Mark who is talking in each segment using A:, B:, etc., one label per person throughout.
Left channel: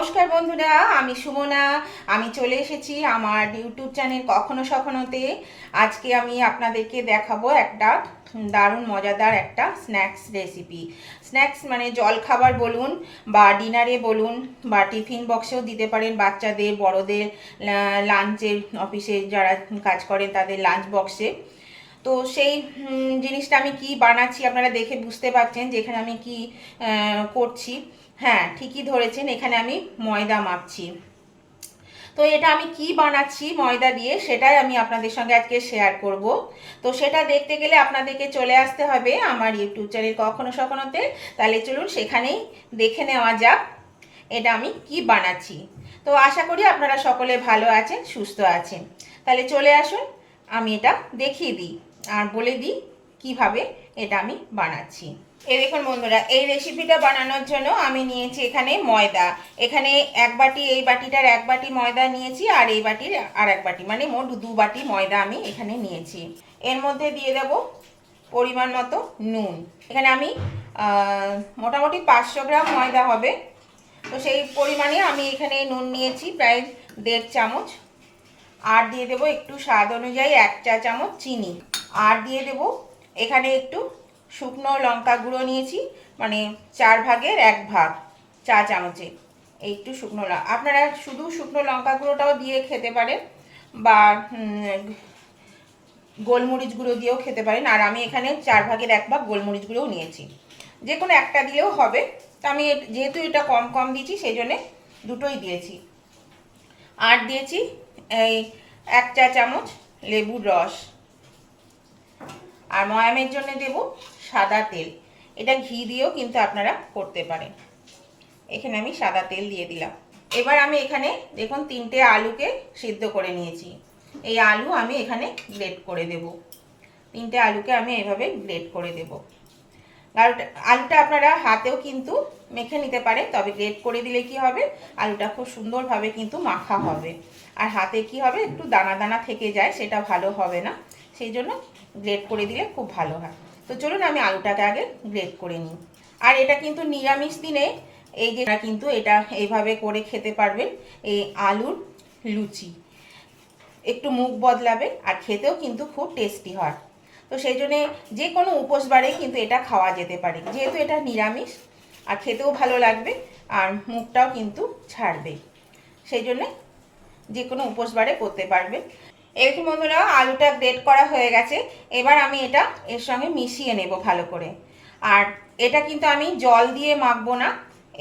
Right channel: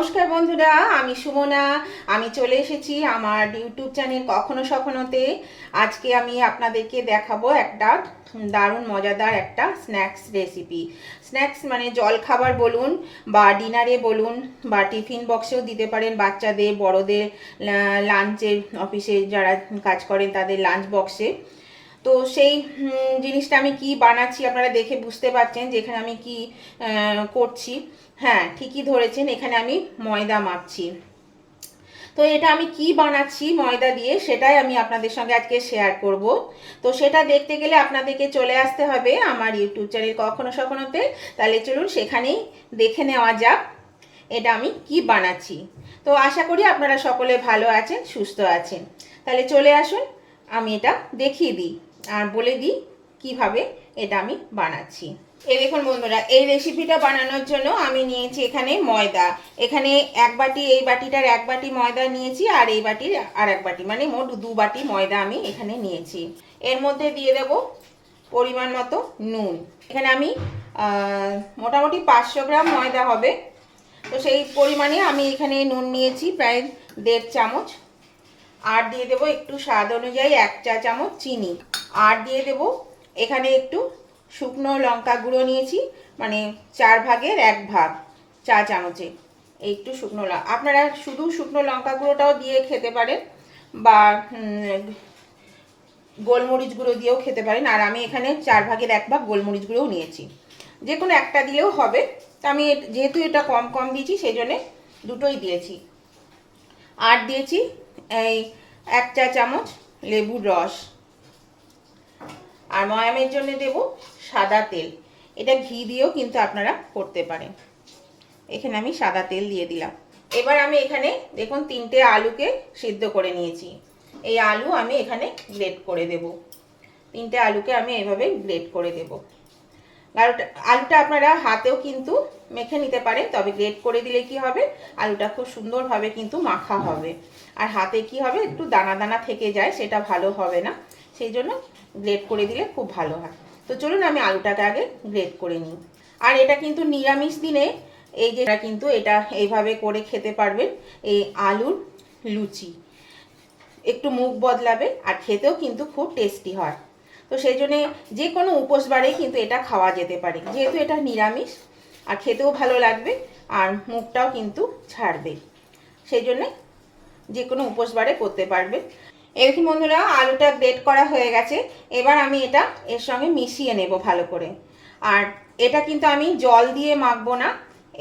A: নমস্কার বন্ধুরা, আমি সুমনা। আমি চলে এসেছি আমার ইউটিউব চ্যানেল কখনো সখনোতে আজকে আমি আপনাদেরকে দেখাবো একটা দারুণ, মজাদার একটা স্ন্যাক্স রেসিপি স্ন্যাক্স মানে জল খাবার বলুন বা ডিনারে বলুন বা টিফিন বক্সেও দিতে পারেন বাচ্চাদের, বড়দের লাঞ্চের অফিসে যারা কাজ করেন তাদের লাঞ্চ বক্সে তো সেই জিনিসটা আমি কি বানাচ্ছি আপনারা দেখে বুঝতে পারছেন যে এখানে আমি কি করছি। হ্যাঁ ঠিকই ধরেছেন, এখানে আমি ময়দা মাপছি। তো এটা আমি কি বানাচ্ছি ময়দা দিয়ে, সেটাই আমি আপনাদের সঙ্গে আজকে শেয়ার করব। তো সেটা দেখতে গেলে আপনাদেরকে চলে আসতে হবে আমার ইউটিউব চ্যানেল কখনো সখনোতে। তাহলে চলুন সেখানেই দেখে নেওয়া যাক এটা আমি কি বানাচ্ছি। তো আশা করি আপনারা সকলে ভালো আছেন, সুস্থ আছেন। তাহলে চলে আসুন, আমি এটা দেখিয়ে দিই আর বলে দিই কীভাবে এটা আমি বানাচ্ছি। এই দেখুন বন্ধুরা, এই রেসিপিটা বানানোর জন্য আমি নিয়েছি এখানে ময়দা। এখানে এক বাটি, এই বাটিটার এক বাটি ময়দা নিয়েছি আর এই বাটির আর এক বাটি মানে মোট দু বাটি ময়দা আমি এখানে নিয়েছি। এর মধ্যে দিয়ে দেব পরিমাণ মতো নুন। এখানে আমি মোটামুটি পাঁচশো গ্রাম ময়দা হবে। তো সেই পরিমাণে আমি এখানে নুন নিয়েছি, প্রায় দেড় চামচ। আর দিয়ে দেবো একটু স্বাদ অনুযায়ী এক চা চামচ চিনি। আর দিয়ে দেবো এখানে একটু শুকনো লঙ্কা গুঁড়ো নিয়েছি মানে চার ভাগের এক ভাগ, চা চামচে, একটু শুকনো লঙ্কা আপনারা শুধু শুকনো লঙ্কা গুঁড়োটাও দিয়ে খেতে পারেন, বা গোলমরিচ গুঁড়ো দিয়েও খেতে পারেন, আর আমি এখানে চার ভাগের এক ভাগ গোলমরিচ গুঁড়োও নিয়েছি। যে কোনো একটা দিলেও হবে, তো আমি যেহেতু এটা কম কম দিয়েছি, সেই জন্যে দুটোই দিয়েছি। আর দিয়েছি এই এক চা চামচ লেবুর রস। আর ময়ামের জন্য দেব সাদা তেল। এটা ঘি দিয়েও কিন্তু আপনারা করতে পারেন। এখানে আমি সাদা তেল দিয়ে দিলাম। এবার আমি এখানে দেখুন তিনটে আলুকে সিদ্ধ করে নিয়েছি। এই আলু আমি এখানে গ্রেট করে দেব। তিনটে আলুকে আমি এভাবে গ্রেট করে দেব। আলুটা আলুটা আপনারা হাতেও কিন্তু মেখে নিতে পারেন, তবে গ্রেট করে দিলে কি হবে? আলুটা খুব সুন্দরভাবে কিন্তু মাখা হবে। আর হাতে কি হবে? একটু দানা দানা থেকে যায়, সেটা ভালো হবে না। সেই জন্য গ্রেট করে দিলে খুব ভালো হয়। তো চলুন আমি আলুটাকে আগে গ্রেট করে নিই। আর এটা কিন্তু নিরামিষ দিনে এই যে কিন্তু এটা এইভাবে করে খেতে পারবেন এই আলুর লুচি। একটু মুখ বদলাবে আর খেতেও কিন্তু খুব টেস্টি হয়। তো সেই জন্যে যে কোনো উপোস কিন্তু এটা খাওয়া যেতে পারে। যেহেতু এটা নিরামিষ, আর খেতেও ভালো লাগবে আর মুখটাও কিন্তু ছাড়বে। সেই জন্যে যে কোনো উপোস বারে করতে পারবে এরকম বন্ধুরা, আলুটা গ্রেট করা হয়ে গেছে। এবার আমি এটা এর সঙ্গে মিশিয়ে নেব ভালো করে। আর এটা কিন্তু আমি জল দিয়ে মাখবো না,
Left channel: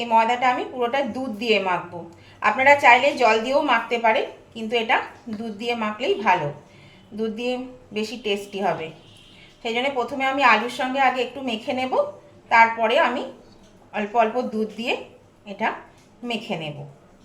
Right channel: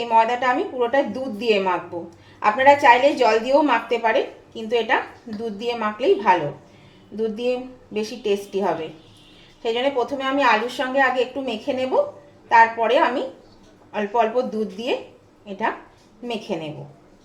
A: এই ময়দাটা আমি পুরোটা দুধ দিয়ে মাখবো। আপনারা চাইলে জল দিয়েও মাখতে পারেন, কিন্তু এটা দুধ দিয়ে মাখলেই ভালো। দুধ দিয়ে বেশি টেস্টি হবে। সেই জন্য প্রথমে আমি আলুর সঙ্গে আগে একটু মেখে নেব, তারপরে আমি অল্প অল্প দুধ দিয়ে এটা মেখে নেব।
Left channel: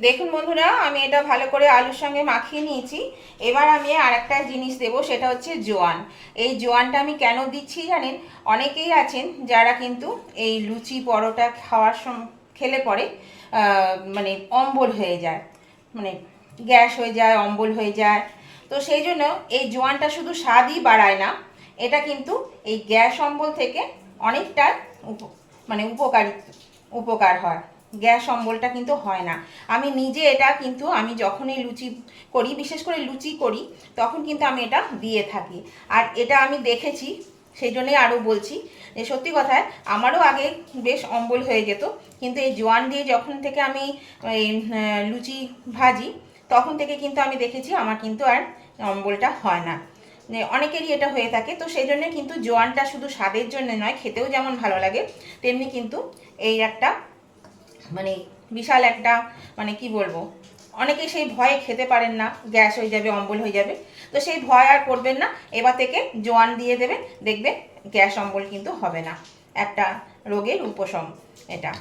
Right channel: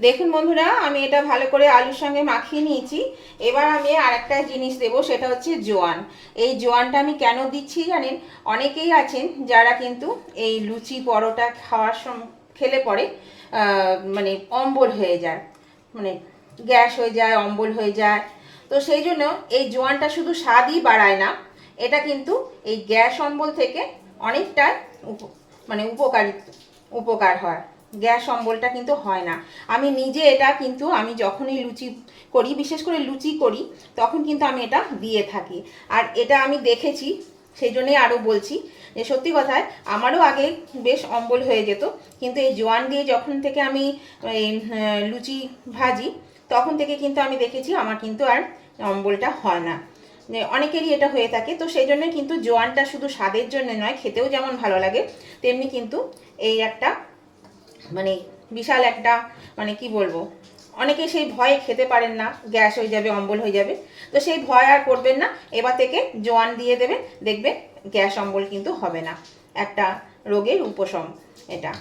A: দেখুন বন্ধুরা, আমি এটা ভালো করে আলুর সঙ্গে মাখিয়ে নিয়েছি। এবার আমি আরেকটা জিনিস দেব, সেটা হচ্ছে জোয়ান। এই জোয়ানটা আমি কেন দিচ্ছি জানেন? অনেকেই আছেন যারা কিন্তু এই লুচি পরোটা খাওয়ার সম, খেলে পরে মানে অম্বল হয়ে যায়। মানে গ্যাস হয়ে যায়, অম্বল হয়ে যায়। তো সেই জন্য এই জোয়ানটা শুধু স্বাদই বাড়ায় না, এটা কিন্তু এই গ্যাস অম্বল থেকে অনেকটা উপ- মানে উপকারী, উপকার হয়। গ্যাস অম্বলটা কিন্তু হয় না। আমি নিজে এটা কিন্তু আমি যখনই লুচি করি, বিশেষ করে লুচি করি, তখন কিন্তু আমি এটা দিয়ে থাকি। আর এটা আমি দেখেছি, সেই জন্যই আরও বলছি যে সত্যি কথায় আমারও আগে বেশ অম্বল হয়ে যেত, কিন্তু এই জোয়ান দিয়ে যখন থেকে আমি এই লুচি ভাজি, তখন থেকে কিন্তু আমি দেখেছি আমার কিন্তু আর অম্বলটা হয় না। অনেকেরই এটা হয়ে থাকে, তো সেই জন্য কিন্তু জোয়ানটা শুধু স্বাদের জন্য নয়, খেতেও যেমন ভালো লাগে, তেমনি কিন্তু এই একটা মানে বিশাল একটা মানে কি বলব অনেকে সেই ভয়ে খেতে পারেন না, গ্যাস হয়ে যাবে, অম্বল হয়ে যাবে, তো সেই ভয় আর করবেন না, এবার থেকে জোয়ান দিয়ে দেবেন, দেখবেন গ্যাস, অম্বল কিন্তু হবে না, একটা রোগের উপশম এটা,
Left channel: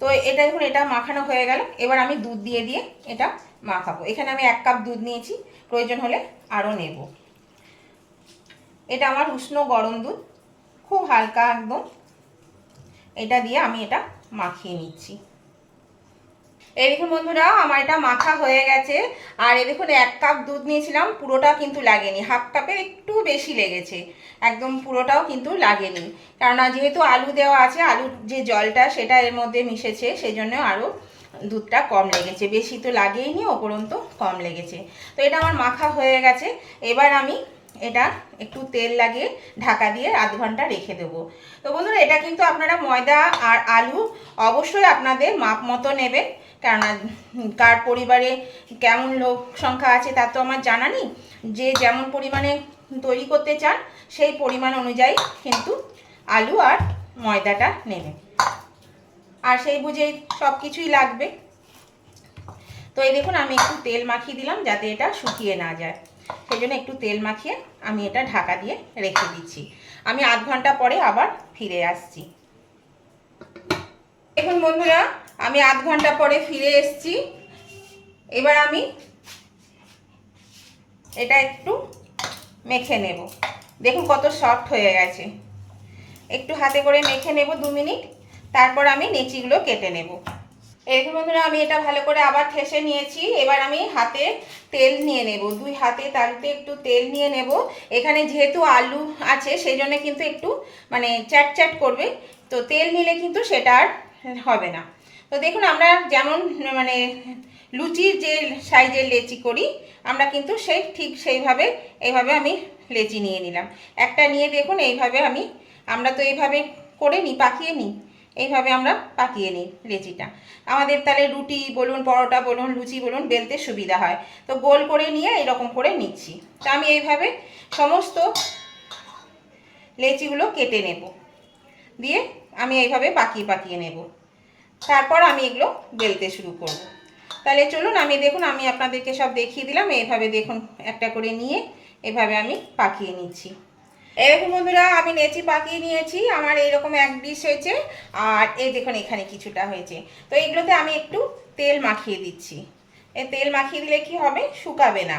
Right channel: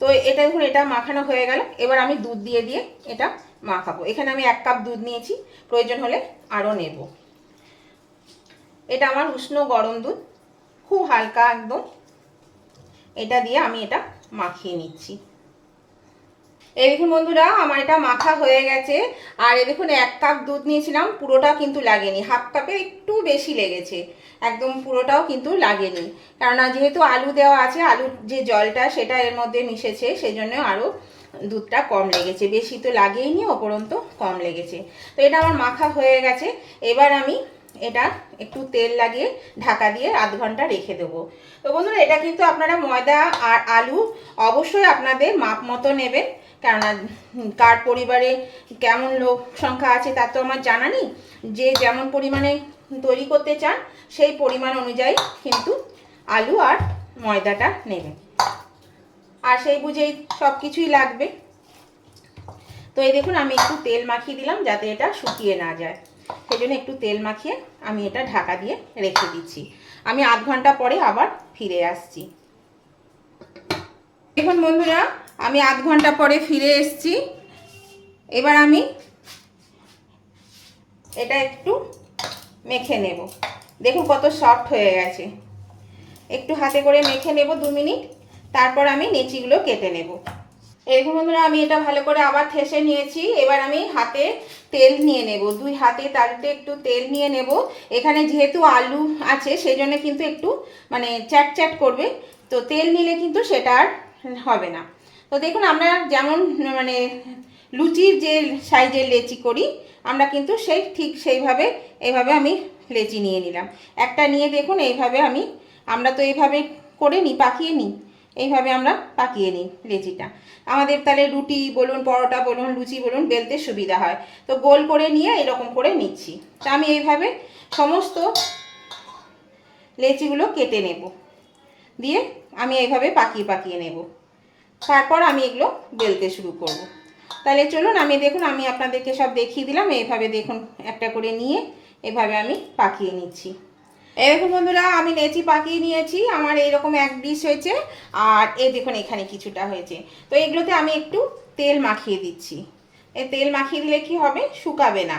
A: তো এটা দেখুন এটা মাখানো হয়ে গেল, এবার আমি দুধ দিয়ে দিয়ে এটা মাখাবো, এখানে আমি এক কাপ দুধ নিয়েছি, প্রয়োজন হলে আরও নেব, এটা আমার উষ্ণ গরম দুধ, খুব হালকা একদম, এটা দিয়ে আমি এটা মাখিয়ে নিচ্ছি। এই দেখুন বন্ধুরা, আমার এটা মাখা হয়ে গেছে। আর এ দেখুন, এক কাপ দুধ নিয়েছিলাম, পুরোটা কিন্তু লাগেনি। হাফ কাপে একটু বেশি লেগেছে। একদম পুরোটাও কিন্তু লাগেনি। কেননা, যেহেতু আলু দেওয়া আছে, আলুর যে জলটা, সেটা এর মধ্যে মিশেছে সেই জন্য আরও দুধটা কম লেগেছে। বেশি তো লাগেইনি, ওপরন্ত কম লেগেছে। তো এটা আমার মাখা হয়ে গেছে। এবার আমি এটা একটু তেল লাগিয়ে ঢাকা দিয়ে আধ ঘণ্টা রেখে দেবো। তো বন্ধুরা, এটা কিন্তু আপনারা ময়দা আর আলু অবশ্যই আপনাদের মাপ মতো নেবেন। কেননা কার পরিবারে কেমন লোক সংখ্যা আছে তা তো আমার জানা নেই। যে যেমন পরিমাণে তৈরি করতে চান, সেই পরিমাণ অনুযায়ী কিন্তু আলু আর ময়দাটা নেবে আর সেই বুঝেই সব কিছুই লাগবে। তো এই দেখুন, আমি একটু তেল মাখিয়ে দিলাম যাতে এটা শুকিয়ে না যায়। সেই জন্য একটু তেল মাখিয়ে আমি এটা ঢাকা দিয়ে রেখে দিচ্ছি। আমি আধ ঘণ্টা পরে আবার ফিরে আসছি। দেখুন বন্ধুরা আমি আধ ঘণ্টা পরে ফিরে এসছি। এবার আমি এটা একটু মেখে নেব। দেখুন কত সফট হয়ে গেছে। একটু হাতে করে মেখে নেব দু মিনিট, তারপর আমি নেচিগুলো কেটে নেব। এরকম বন্ধুরা, আমি এটা ভালো করে আবার ঠেসে নিয়েছি। এবার আমি হাতে তেল নিয়ে নেব। দুই হাতে তাতে একটু তেল নিয়ে নেব। এখানে যেহেতু আলু আছে সেই জন্য কিন্তু একটু মানে চ্যাট চ্যাট করবে। তো তেল নিলে কিন্তু সেটা আর হবে না। তো দেখুন, আমরা যেমন মানে লুচির যে সাইজের লেচি করি, আমরা কিন্তু সেই ঠিক সেইভাবে, এইভাবে আমি লেচি নিয়ে নিলাম। একটা নিয়ে দেখুন, এইভাবে আমি, আমরা তো এইভাবে করে নিই, পাকিয়ে নিই। এইভাবে আমরা পাকিয়ে নিই লেচিটা। আমাদের তাহলে রুটি বলুন, পরোটা বলুন, লুচি বলুন, বেলতে সুবিধা হয়। তো গোল করে নিয়ে এরকম করে নিচ্ছি। তো আমি এইভাবে সমস্ত লেচিগুলো কেটে নেব। দিয়ে আমি এইভাবে পাকিয়ে পাকিয়ে নেব। তারপর আমি এগুলো বেলতে শুরু করব। তাহলে চলুন, আমি দেখুন, আমি আপনাদেরকে সব দেখিয়ে দিলাম। এইভাবে দেখুন, একটা করে নিয়ে এভাবে আমি পাকিয়ে নিচ্ছি। এরকম বন্ধুরা, আমি লেচি পাকিয়ে নিয়েছি। আমার এইরকম এক ডিশ হয়েছে, আর এই দেখুন, এখানে কিছুটা হয়েছে। তো এগুলোতে আমি একটু তেল মাখিয়ে দিচ্ছি। এ তেল মাখিয়ে দিলে কি হবে? শুকাবে না।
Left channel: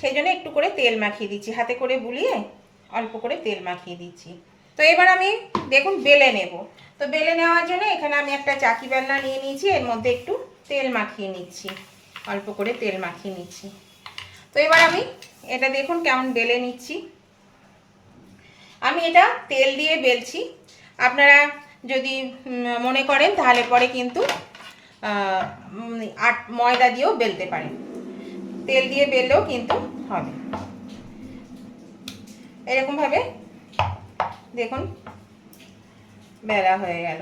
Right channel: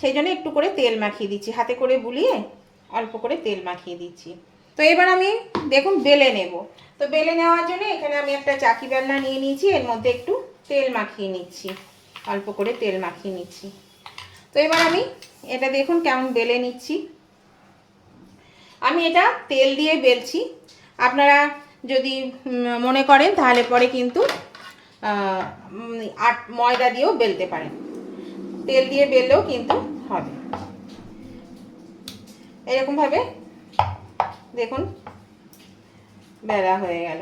A: সেই জন্য একটু করে তেল মাখিয়ে দিচ্ছি। হাতে করে বুলিয়ে অল্প করে তেল মাখিয়ে দিচ্ছি। তো এবার আমি দেখুন, বেলে নেব। তো বেলে নেওয়ার জন্য এখানে আমি একটা চাকি বেলনা নিয়ে নিয়েছি, এর মধ্যে একটু তেল মাখিয়ে নিচ্ছি, অল্প করে তেল মাখিয়ে নিচ্ছি। তো এবার আমি এটা দেখুন কেমন বেলে নিচ্ছি। আমি এটা তেল দিয়ে বেলছি। আপনারা যদি মনে করেন তাহলে পরে কিন্তু আট, ময়দা দিয়েও বেলতে পারেন। তেল দিয়ে বেললেও কিন্তু হবে। এরকমভাবে দেখুন বেলা হয়ে গেল।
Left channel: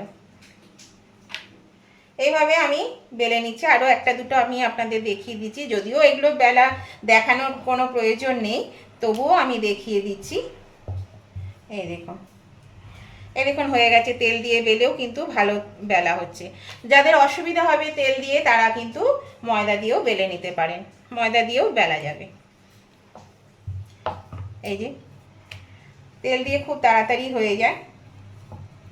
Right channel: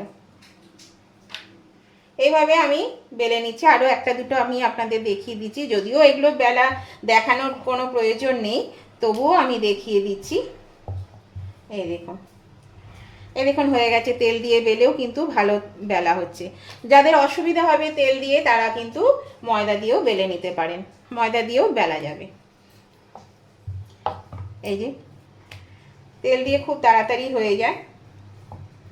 A: এইভাবে আমি বেলে নিচ্ছি। আরও একটা দুটো আমি আপনাদের দেখিয়ে দিচ্ছি। যদিও এগুলো বেলা দেখানোর কোনো প্রয়োজন নেই, তবুও আমি দেখিয়ে দিচ্ছি। এই দেখুন। এই দেখুন, হয়ে গেছে তেল দিয়ে বেলেও কিন্তু ভালো বেলা হচ্ছে। যাদের অসুবিধা হবে তেল দিয়ে, তারা কিন্তু ময়দা দিয়েও বেলে নিতে পারেন। ময়দা দিয়েও বেলা যাবে। এই যে, তেল দিয়ে খুব তাড়াতাড়ি হয়ে যায়।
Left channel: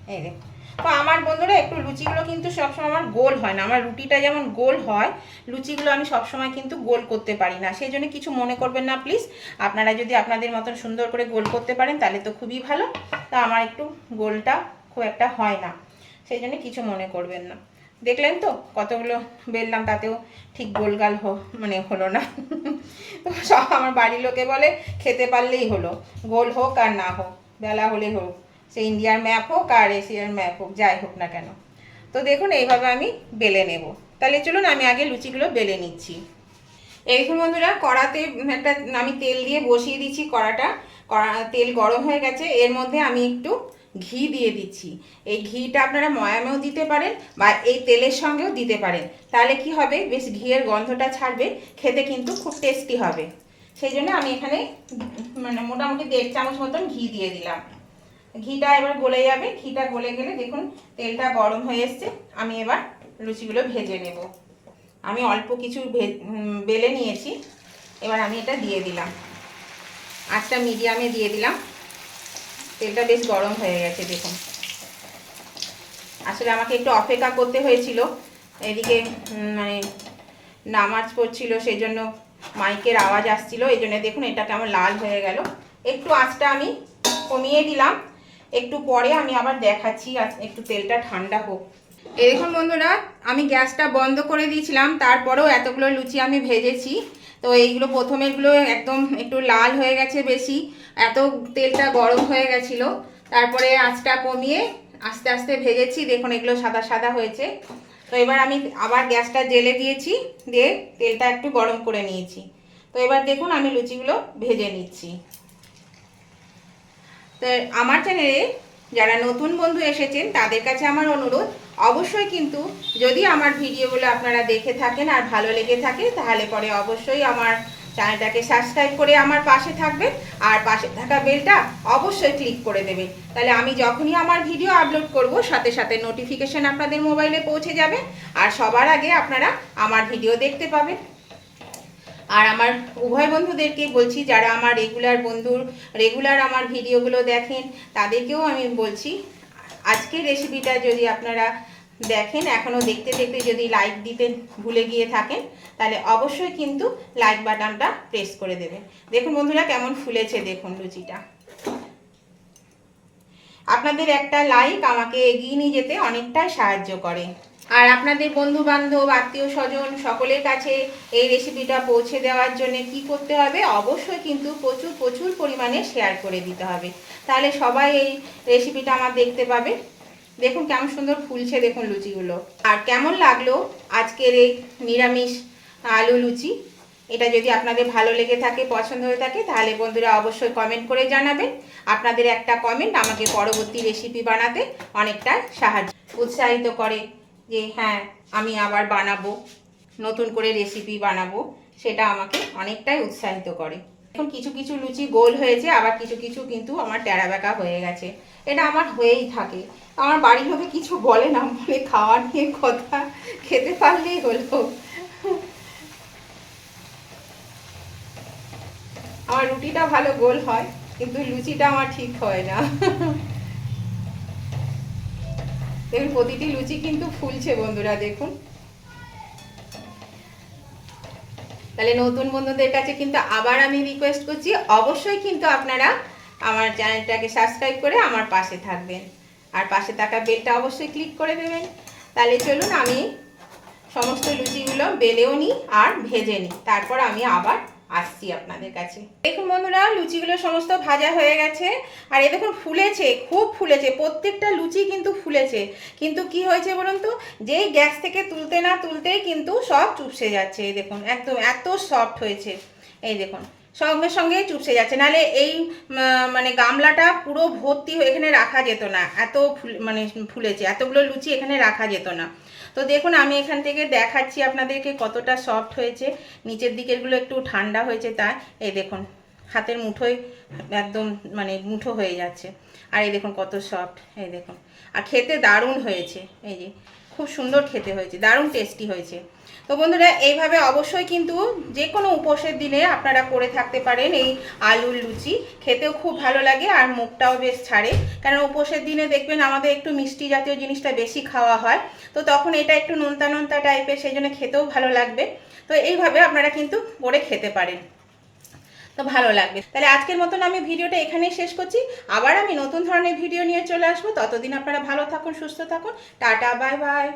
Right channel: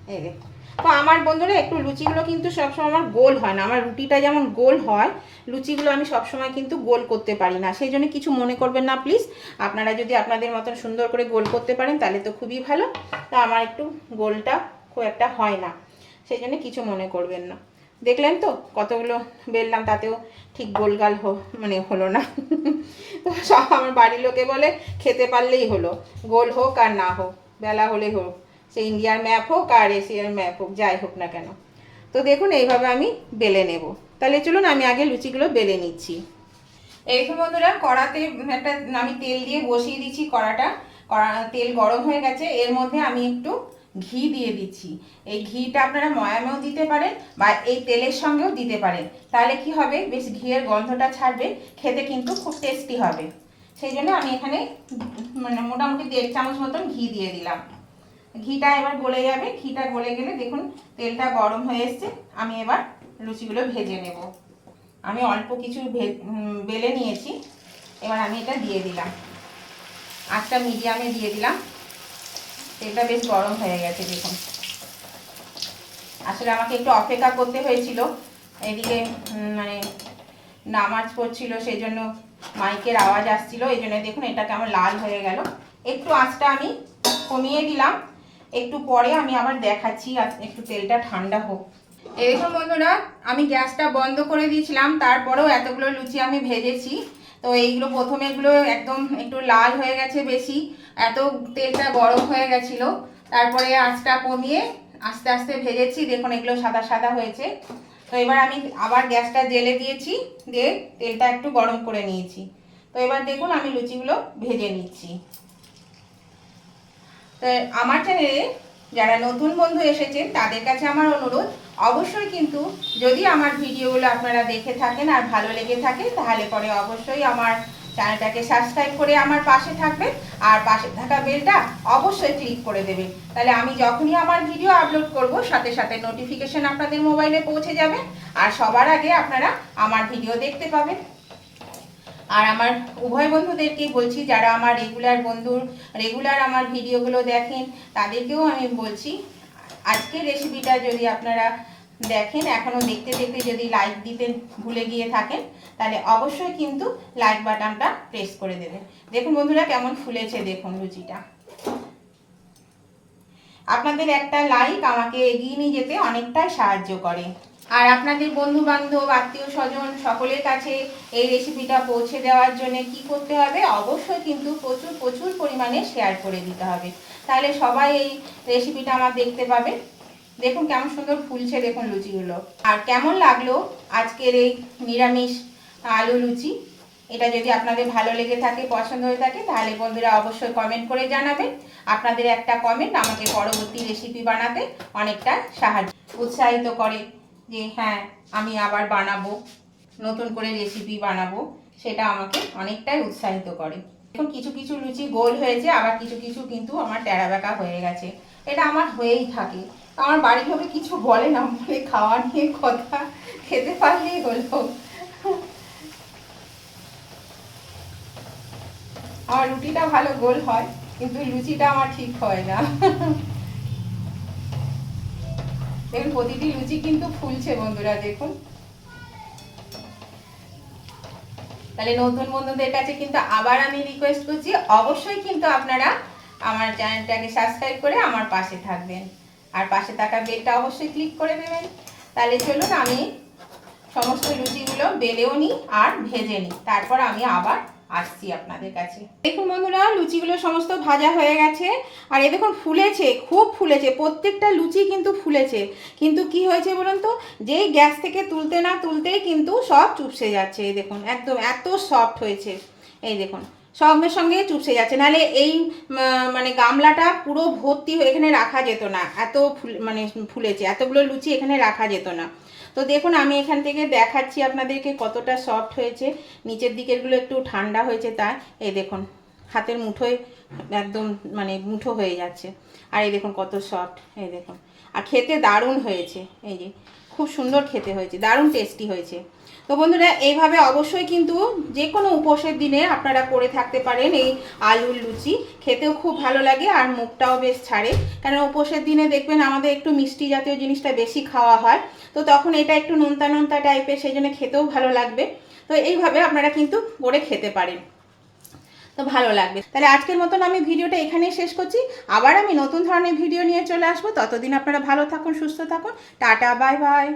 A: এই দেখুন তো আমার বন্ধুরা, একটু লুচিগুলো কিন্তু সবসময় আমার গোল হয় না। আমার রুটিটা যেমন গোল হয়, লুচিগুলো আমি সবসময় কিন্তু গোল করতে পারি না। সেই জন্য কিছু মনে করবেন না প্লিজ আপনারা যদি আপনাদের মতন সুন্দর করে গোল করতে পারেন, তাহলে তো খুবই ভালো। তা আমার একটু গোলটা খুব একটা হয় না। সেই জন্য কিছু মনে করবেন না। দেখলেন তো, কতগুলো বেললাম, তাতেও ঠিক গোলগাল মানে হলো না। তো সব আমার বাড়ির লোকে বলে, খেতে পারলেই হলো। গোল হোক আর না হোক, বেলা হলেই হোক। সে ইন্ডিয়ার ম্যাপ হোক আর এশিয়ার ম্যাপ হোক, যাই হোক না কেন। তো দেখুন, এইভাবে আমি বেলে নেব। তাহলে চলুন, আমি আগে লুচিগুলো বেলে নিচ্ছি। এইরকম বন্ধুরা, কড়াতে একটা আমি তেল দিয়ে বসিয়ে দিচ্ছি কড়াটা। কড়া, তেল গরম হয়ে গেছে। এর মধ্যে আমি একটু ঘি দিয়ে দিচ্ছি। এই ঘিটা আপনারা ময়ামেও দিতে পারেন বা এই তেলের সঙ্গেও দিতে পারেন। তাহলে কি হবে? বেশ ঘিয়ের গন্ধটা ছাড়বে। খেতে কিন্তু খুব টেস্টি হবে। সেই জন্য আমি এখানে মানে মোটামুটি দেড় চামচ মতন ঘি দিয়ে দিলাম। ঘিটা এবার গলে যাবে। ঘিটা গলে গেলে দেখুন, তেলটা গরম হয়ে এসছে। আমি এবার লুচিগুলো ভেজে নেব। আমি অল্প কিছু বেলে নিয়েছি। এবার আমি এটা দিয়ে দিলাম। আঁচটা মিডিয়ামে দিয়ে দিলাম। তেলটা বেশ গরম হয়ে গেছে, দেখুন। আসলে আমাকে একটু অপেক্ষা করতে হয়েছিল। এদিকে মানে নামাজ পড়ছিল সেই জন্য মাইকের আওয়াজ আসছিল। এই জন্য দেখুন, এটা কেমন লাল হয়ে গেল। একটু আঁচটা আমি কমিয়ে দিলাম। একটু পরে আমি আবার দেখাচ্ছি একটু তেলটা ঠান্ডা হোক। এরকম বন্ধুরা, আমি গ্যাসটা বন্ধ করে দিয়েছিলাম, তারপরেও এতগুলো লুচি আমি ভেজেছি। তো এইগুলো প্রথমে এগুলো একদম একটু লাল হয়ে গেছে বেশি, এত তেলটা গরম হয়ে গেছিল। তারপরে আঁচটা কমিয়ে আস্তে আস্তে ভেজেছি, দেখুন এগুলো সাদা সাদা হয়েছে। তো এবার আমি আবার গ্যাসটা জেলে দিয়েছি, দিয়ে তেলটা একটু গরম করে নিয়েছি। তো এবার দেখুন আমি লুচিগুলো ভেজে নিচ্ছি। তো আমার চ্যানেলে যারা নতুন বন্ধু এসেছেন, তাদের কাছে আমার অনুরোধ, অবশ্যই কিন্তু যদি আমার ভিডিওগুলো আপনারা দেখে থাকেন আর ভালো লেগে থাকে, তাহলে পরে অবশ্যই আমার চ্যানেলটাকে সাবস্ক্রাইব করে আমার পাশে থাকবেন আর পাশে থাকা বেলটা অবশ্যই ক্লিক করে দেবেন। তাহলে আমি যখনই আমার ভিডিও আপলোড করব, সাথে সাথে নোটিফিকেশন আপনাদের মোবাইলে পৌঁছে যাবে আর সবার আগে আপনারা আমার ভিডিও দেখতে পাবেন। আর আমার উভয় বন্ধুদেরকে বলছি, যারা আমার রেগুলার বন্ধু রেগুলার আমার ভিডিওগুলো দেখেন, তাদেরকেও আমি বলছি, আজকের রেসিপিটা যদি আপনারা দেখেন, এখনও দেখতে দেখতে যদি লাইক দিতে ভুলে গিয়ে থাকেন, তাহলে অবশ্যই কিন্তু লাইক বাটনটা প্রেস করে দেবেন। দেখুন বন্ধুরা কেমন ফুলেছে, দেখুন লুচিটা আপনাদের একটা লাইক আমাকে এগিয়ে নিয়ে যেতে অনেকটাই সাহায্য করে। আর আপনাদের বন্ধু বান্ধব আত্মীয় স্বজন সকলের কাছে এই রেসিপিটা পৌঁছে দেওয়ার জন্য কি করতে হবে? অবশ্যই কিন্তু প্রচুর প্রচুর পরিমাণে শেয়ার করে দিতে হবে। তাহলে সবাই এই রেসিপিটা আমার দেখতে পাবে। দেখুন কেমন সুন্দর ফুলছে, দেখুন লুচিগুলো। আর কেমন লাগল আজকের এই নিরামিষ আলু লুচি? এটা যদি আপনাদের ভালো লেগে থাকে, পছন্দ হয়ে থাকে, তাহলে বন্ধুরা অবশ্যই কমেন্ট করে জানাবেন। আপনাদের একটা কমেন্ট আমাকে পরবর্তী রেসিপি বানাতে অনেকটা সাহায্য উৎসাহিত করে। যে হ্যাঁ আমি আবার বানাবো, নতুন করে রেসিপি বানাবো, সেটা আমাকে অনেকটাই উৎসাহিত করে। এখন কিছু কিছু লুচি গোল হয়েছে, আবার কিছু কিছু কিন্তু আমার টেরা বেঁকা হয়ে গেছে। এটা আমার হয়েই থাকে। আমার বাড়ির লোকে কিছু বলে না, বলে খাওয়া নিয়ে কথা খেতে পারলেই হলো। আমার রুটিটা ভালো গোল হয়, কিন্তু লুচিটা আমার ঠিক হয় না। দেখুন প্রতিটি লুচি কিন্তু ফুলছে বন্ধুরা, দেখুন। তাহলে নতুন বন্ধুদের কাছে কিন্তু আবার আমি রিকোয়েস্ট করছি, অবশ্যই কিন্তু আপনারা আমার চ্যানেলটাকে সাবস্ক্রাইব করে আমার পাশে থাকবেন। আর পাশে থাকা বেলটা অবশ্যই ক্লিক করে দেবেন। তাহলে চলুন আমি সমস্ত লুচিগুলো বেলেও নিই আর ভেজে নিই। তারপর আমি আবার আসছি আপনাদের কাছে। দেখুন বন্ধুরা, লুচিগুলো সমস্ত ভাজা হয়ে গেছে। আর এ দেখুন, ফুলেছে, খুব ফুলেছে। প্রত্যেকটা লুচি কিন্তু ফুলেছে। কিন্তু কি হয়েছে বলুন তো? যেই গ্যাস থেকে তুলতে না তুলতেই কিন্তু সব চুপসে যাচ্ছে। এই দেখুন, একদম এত সফট হয়েছে। এই দেখুন, সঙ্গে সঙ্গেই চুপসে যাচ্ছে। নাহলে এই মানে গামলাটা পুরো ভর্তি এখানে রাখা যেত না। এত ফুল মানে ফুলেছে। এতগুলো লুচি এখানে রাখা যেত না। তো দেখুন, আমি এখান থেকে দেখাচ্ছি আপনাদেরকে কতটা সফট হয়েছে। নিচের দিকেরগুলো একটু ঠান্ডা হয়েছে তাই এই দেখুন, হাতের মুঠোয় একদম মানে মুঠো হয়ে যাচ্ছে। আর এই দেখুন, কত সফট এই দেখুন। আর খেতে দারুণ হয়েছে, এই যে। খুব সুন্দর খেতে হয়েছে, দারুণ টেস্টি হয়েছে। তো বন্ধুরা, এইভাবে অবশ্যই কিন্তু যে কোনো উপোসের দিনে আপনারা করে থাকতে পারেন এই আলুর লুচি। খেতেও খুব ভালো লাগে আর মুখটাও বেশ ছাড়ে। কারণ উপোসের দিনে দেখবেন আমাদের একটু মিষ্টি জাতীয় জিনিসটা বেশি খাওয়া হয়। তো তখন এটা একটু নোনতা নোনতা টাইপের সেই জন্য খেতেও ভালো লাগবে। তো এইভাবে আপনারা কিন্তু করে খেতে পারেন। তো ভালো লাগবে। তাহলে আজকের মতন আমি ভিডিওটা এখানেই শেষ করছি। আবার আমি নতুন ধরনের ভিডিও নিয়ে চলে আসব। ততদিন আপনারা ভালো থাকুন, সুস্থ থাকুন। Tata, bye bye.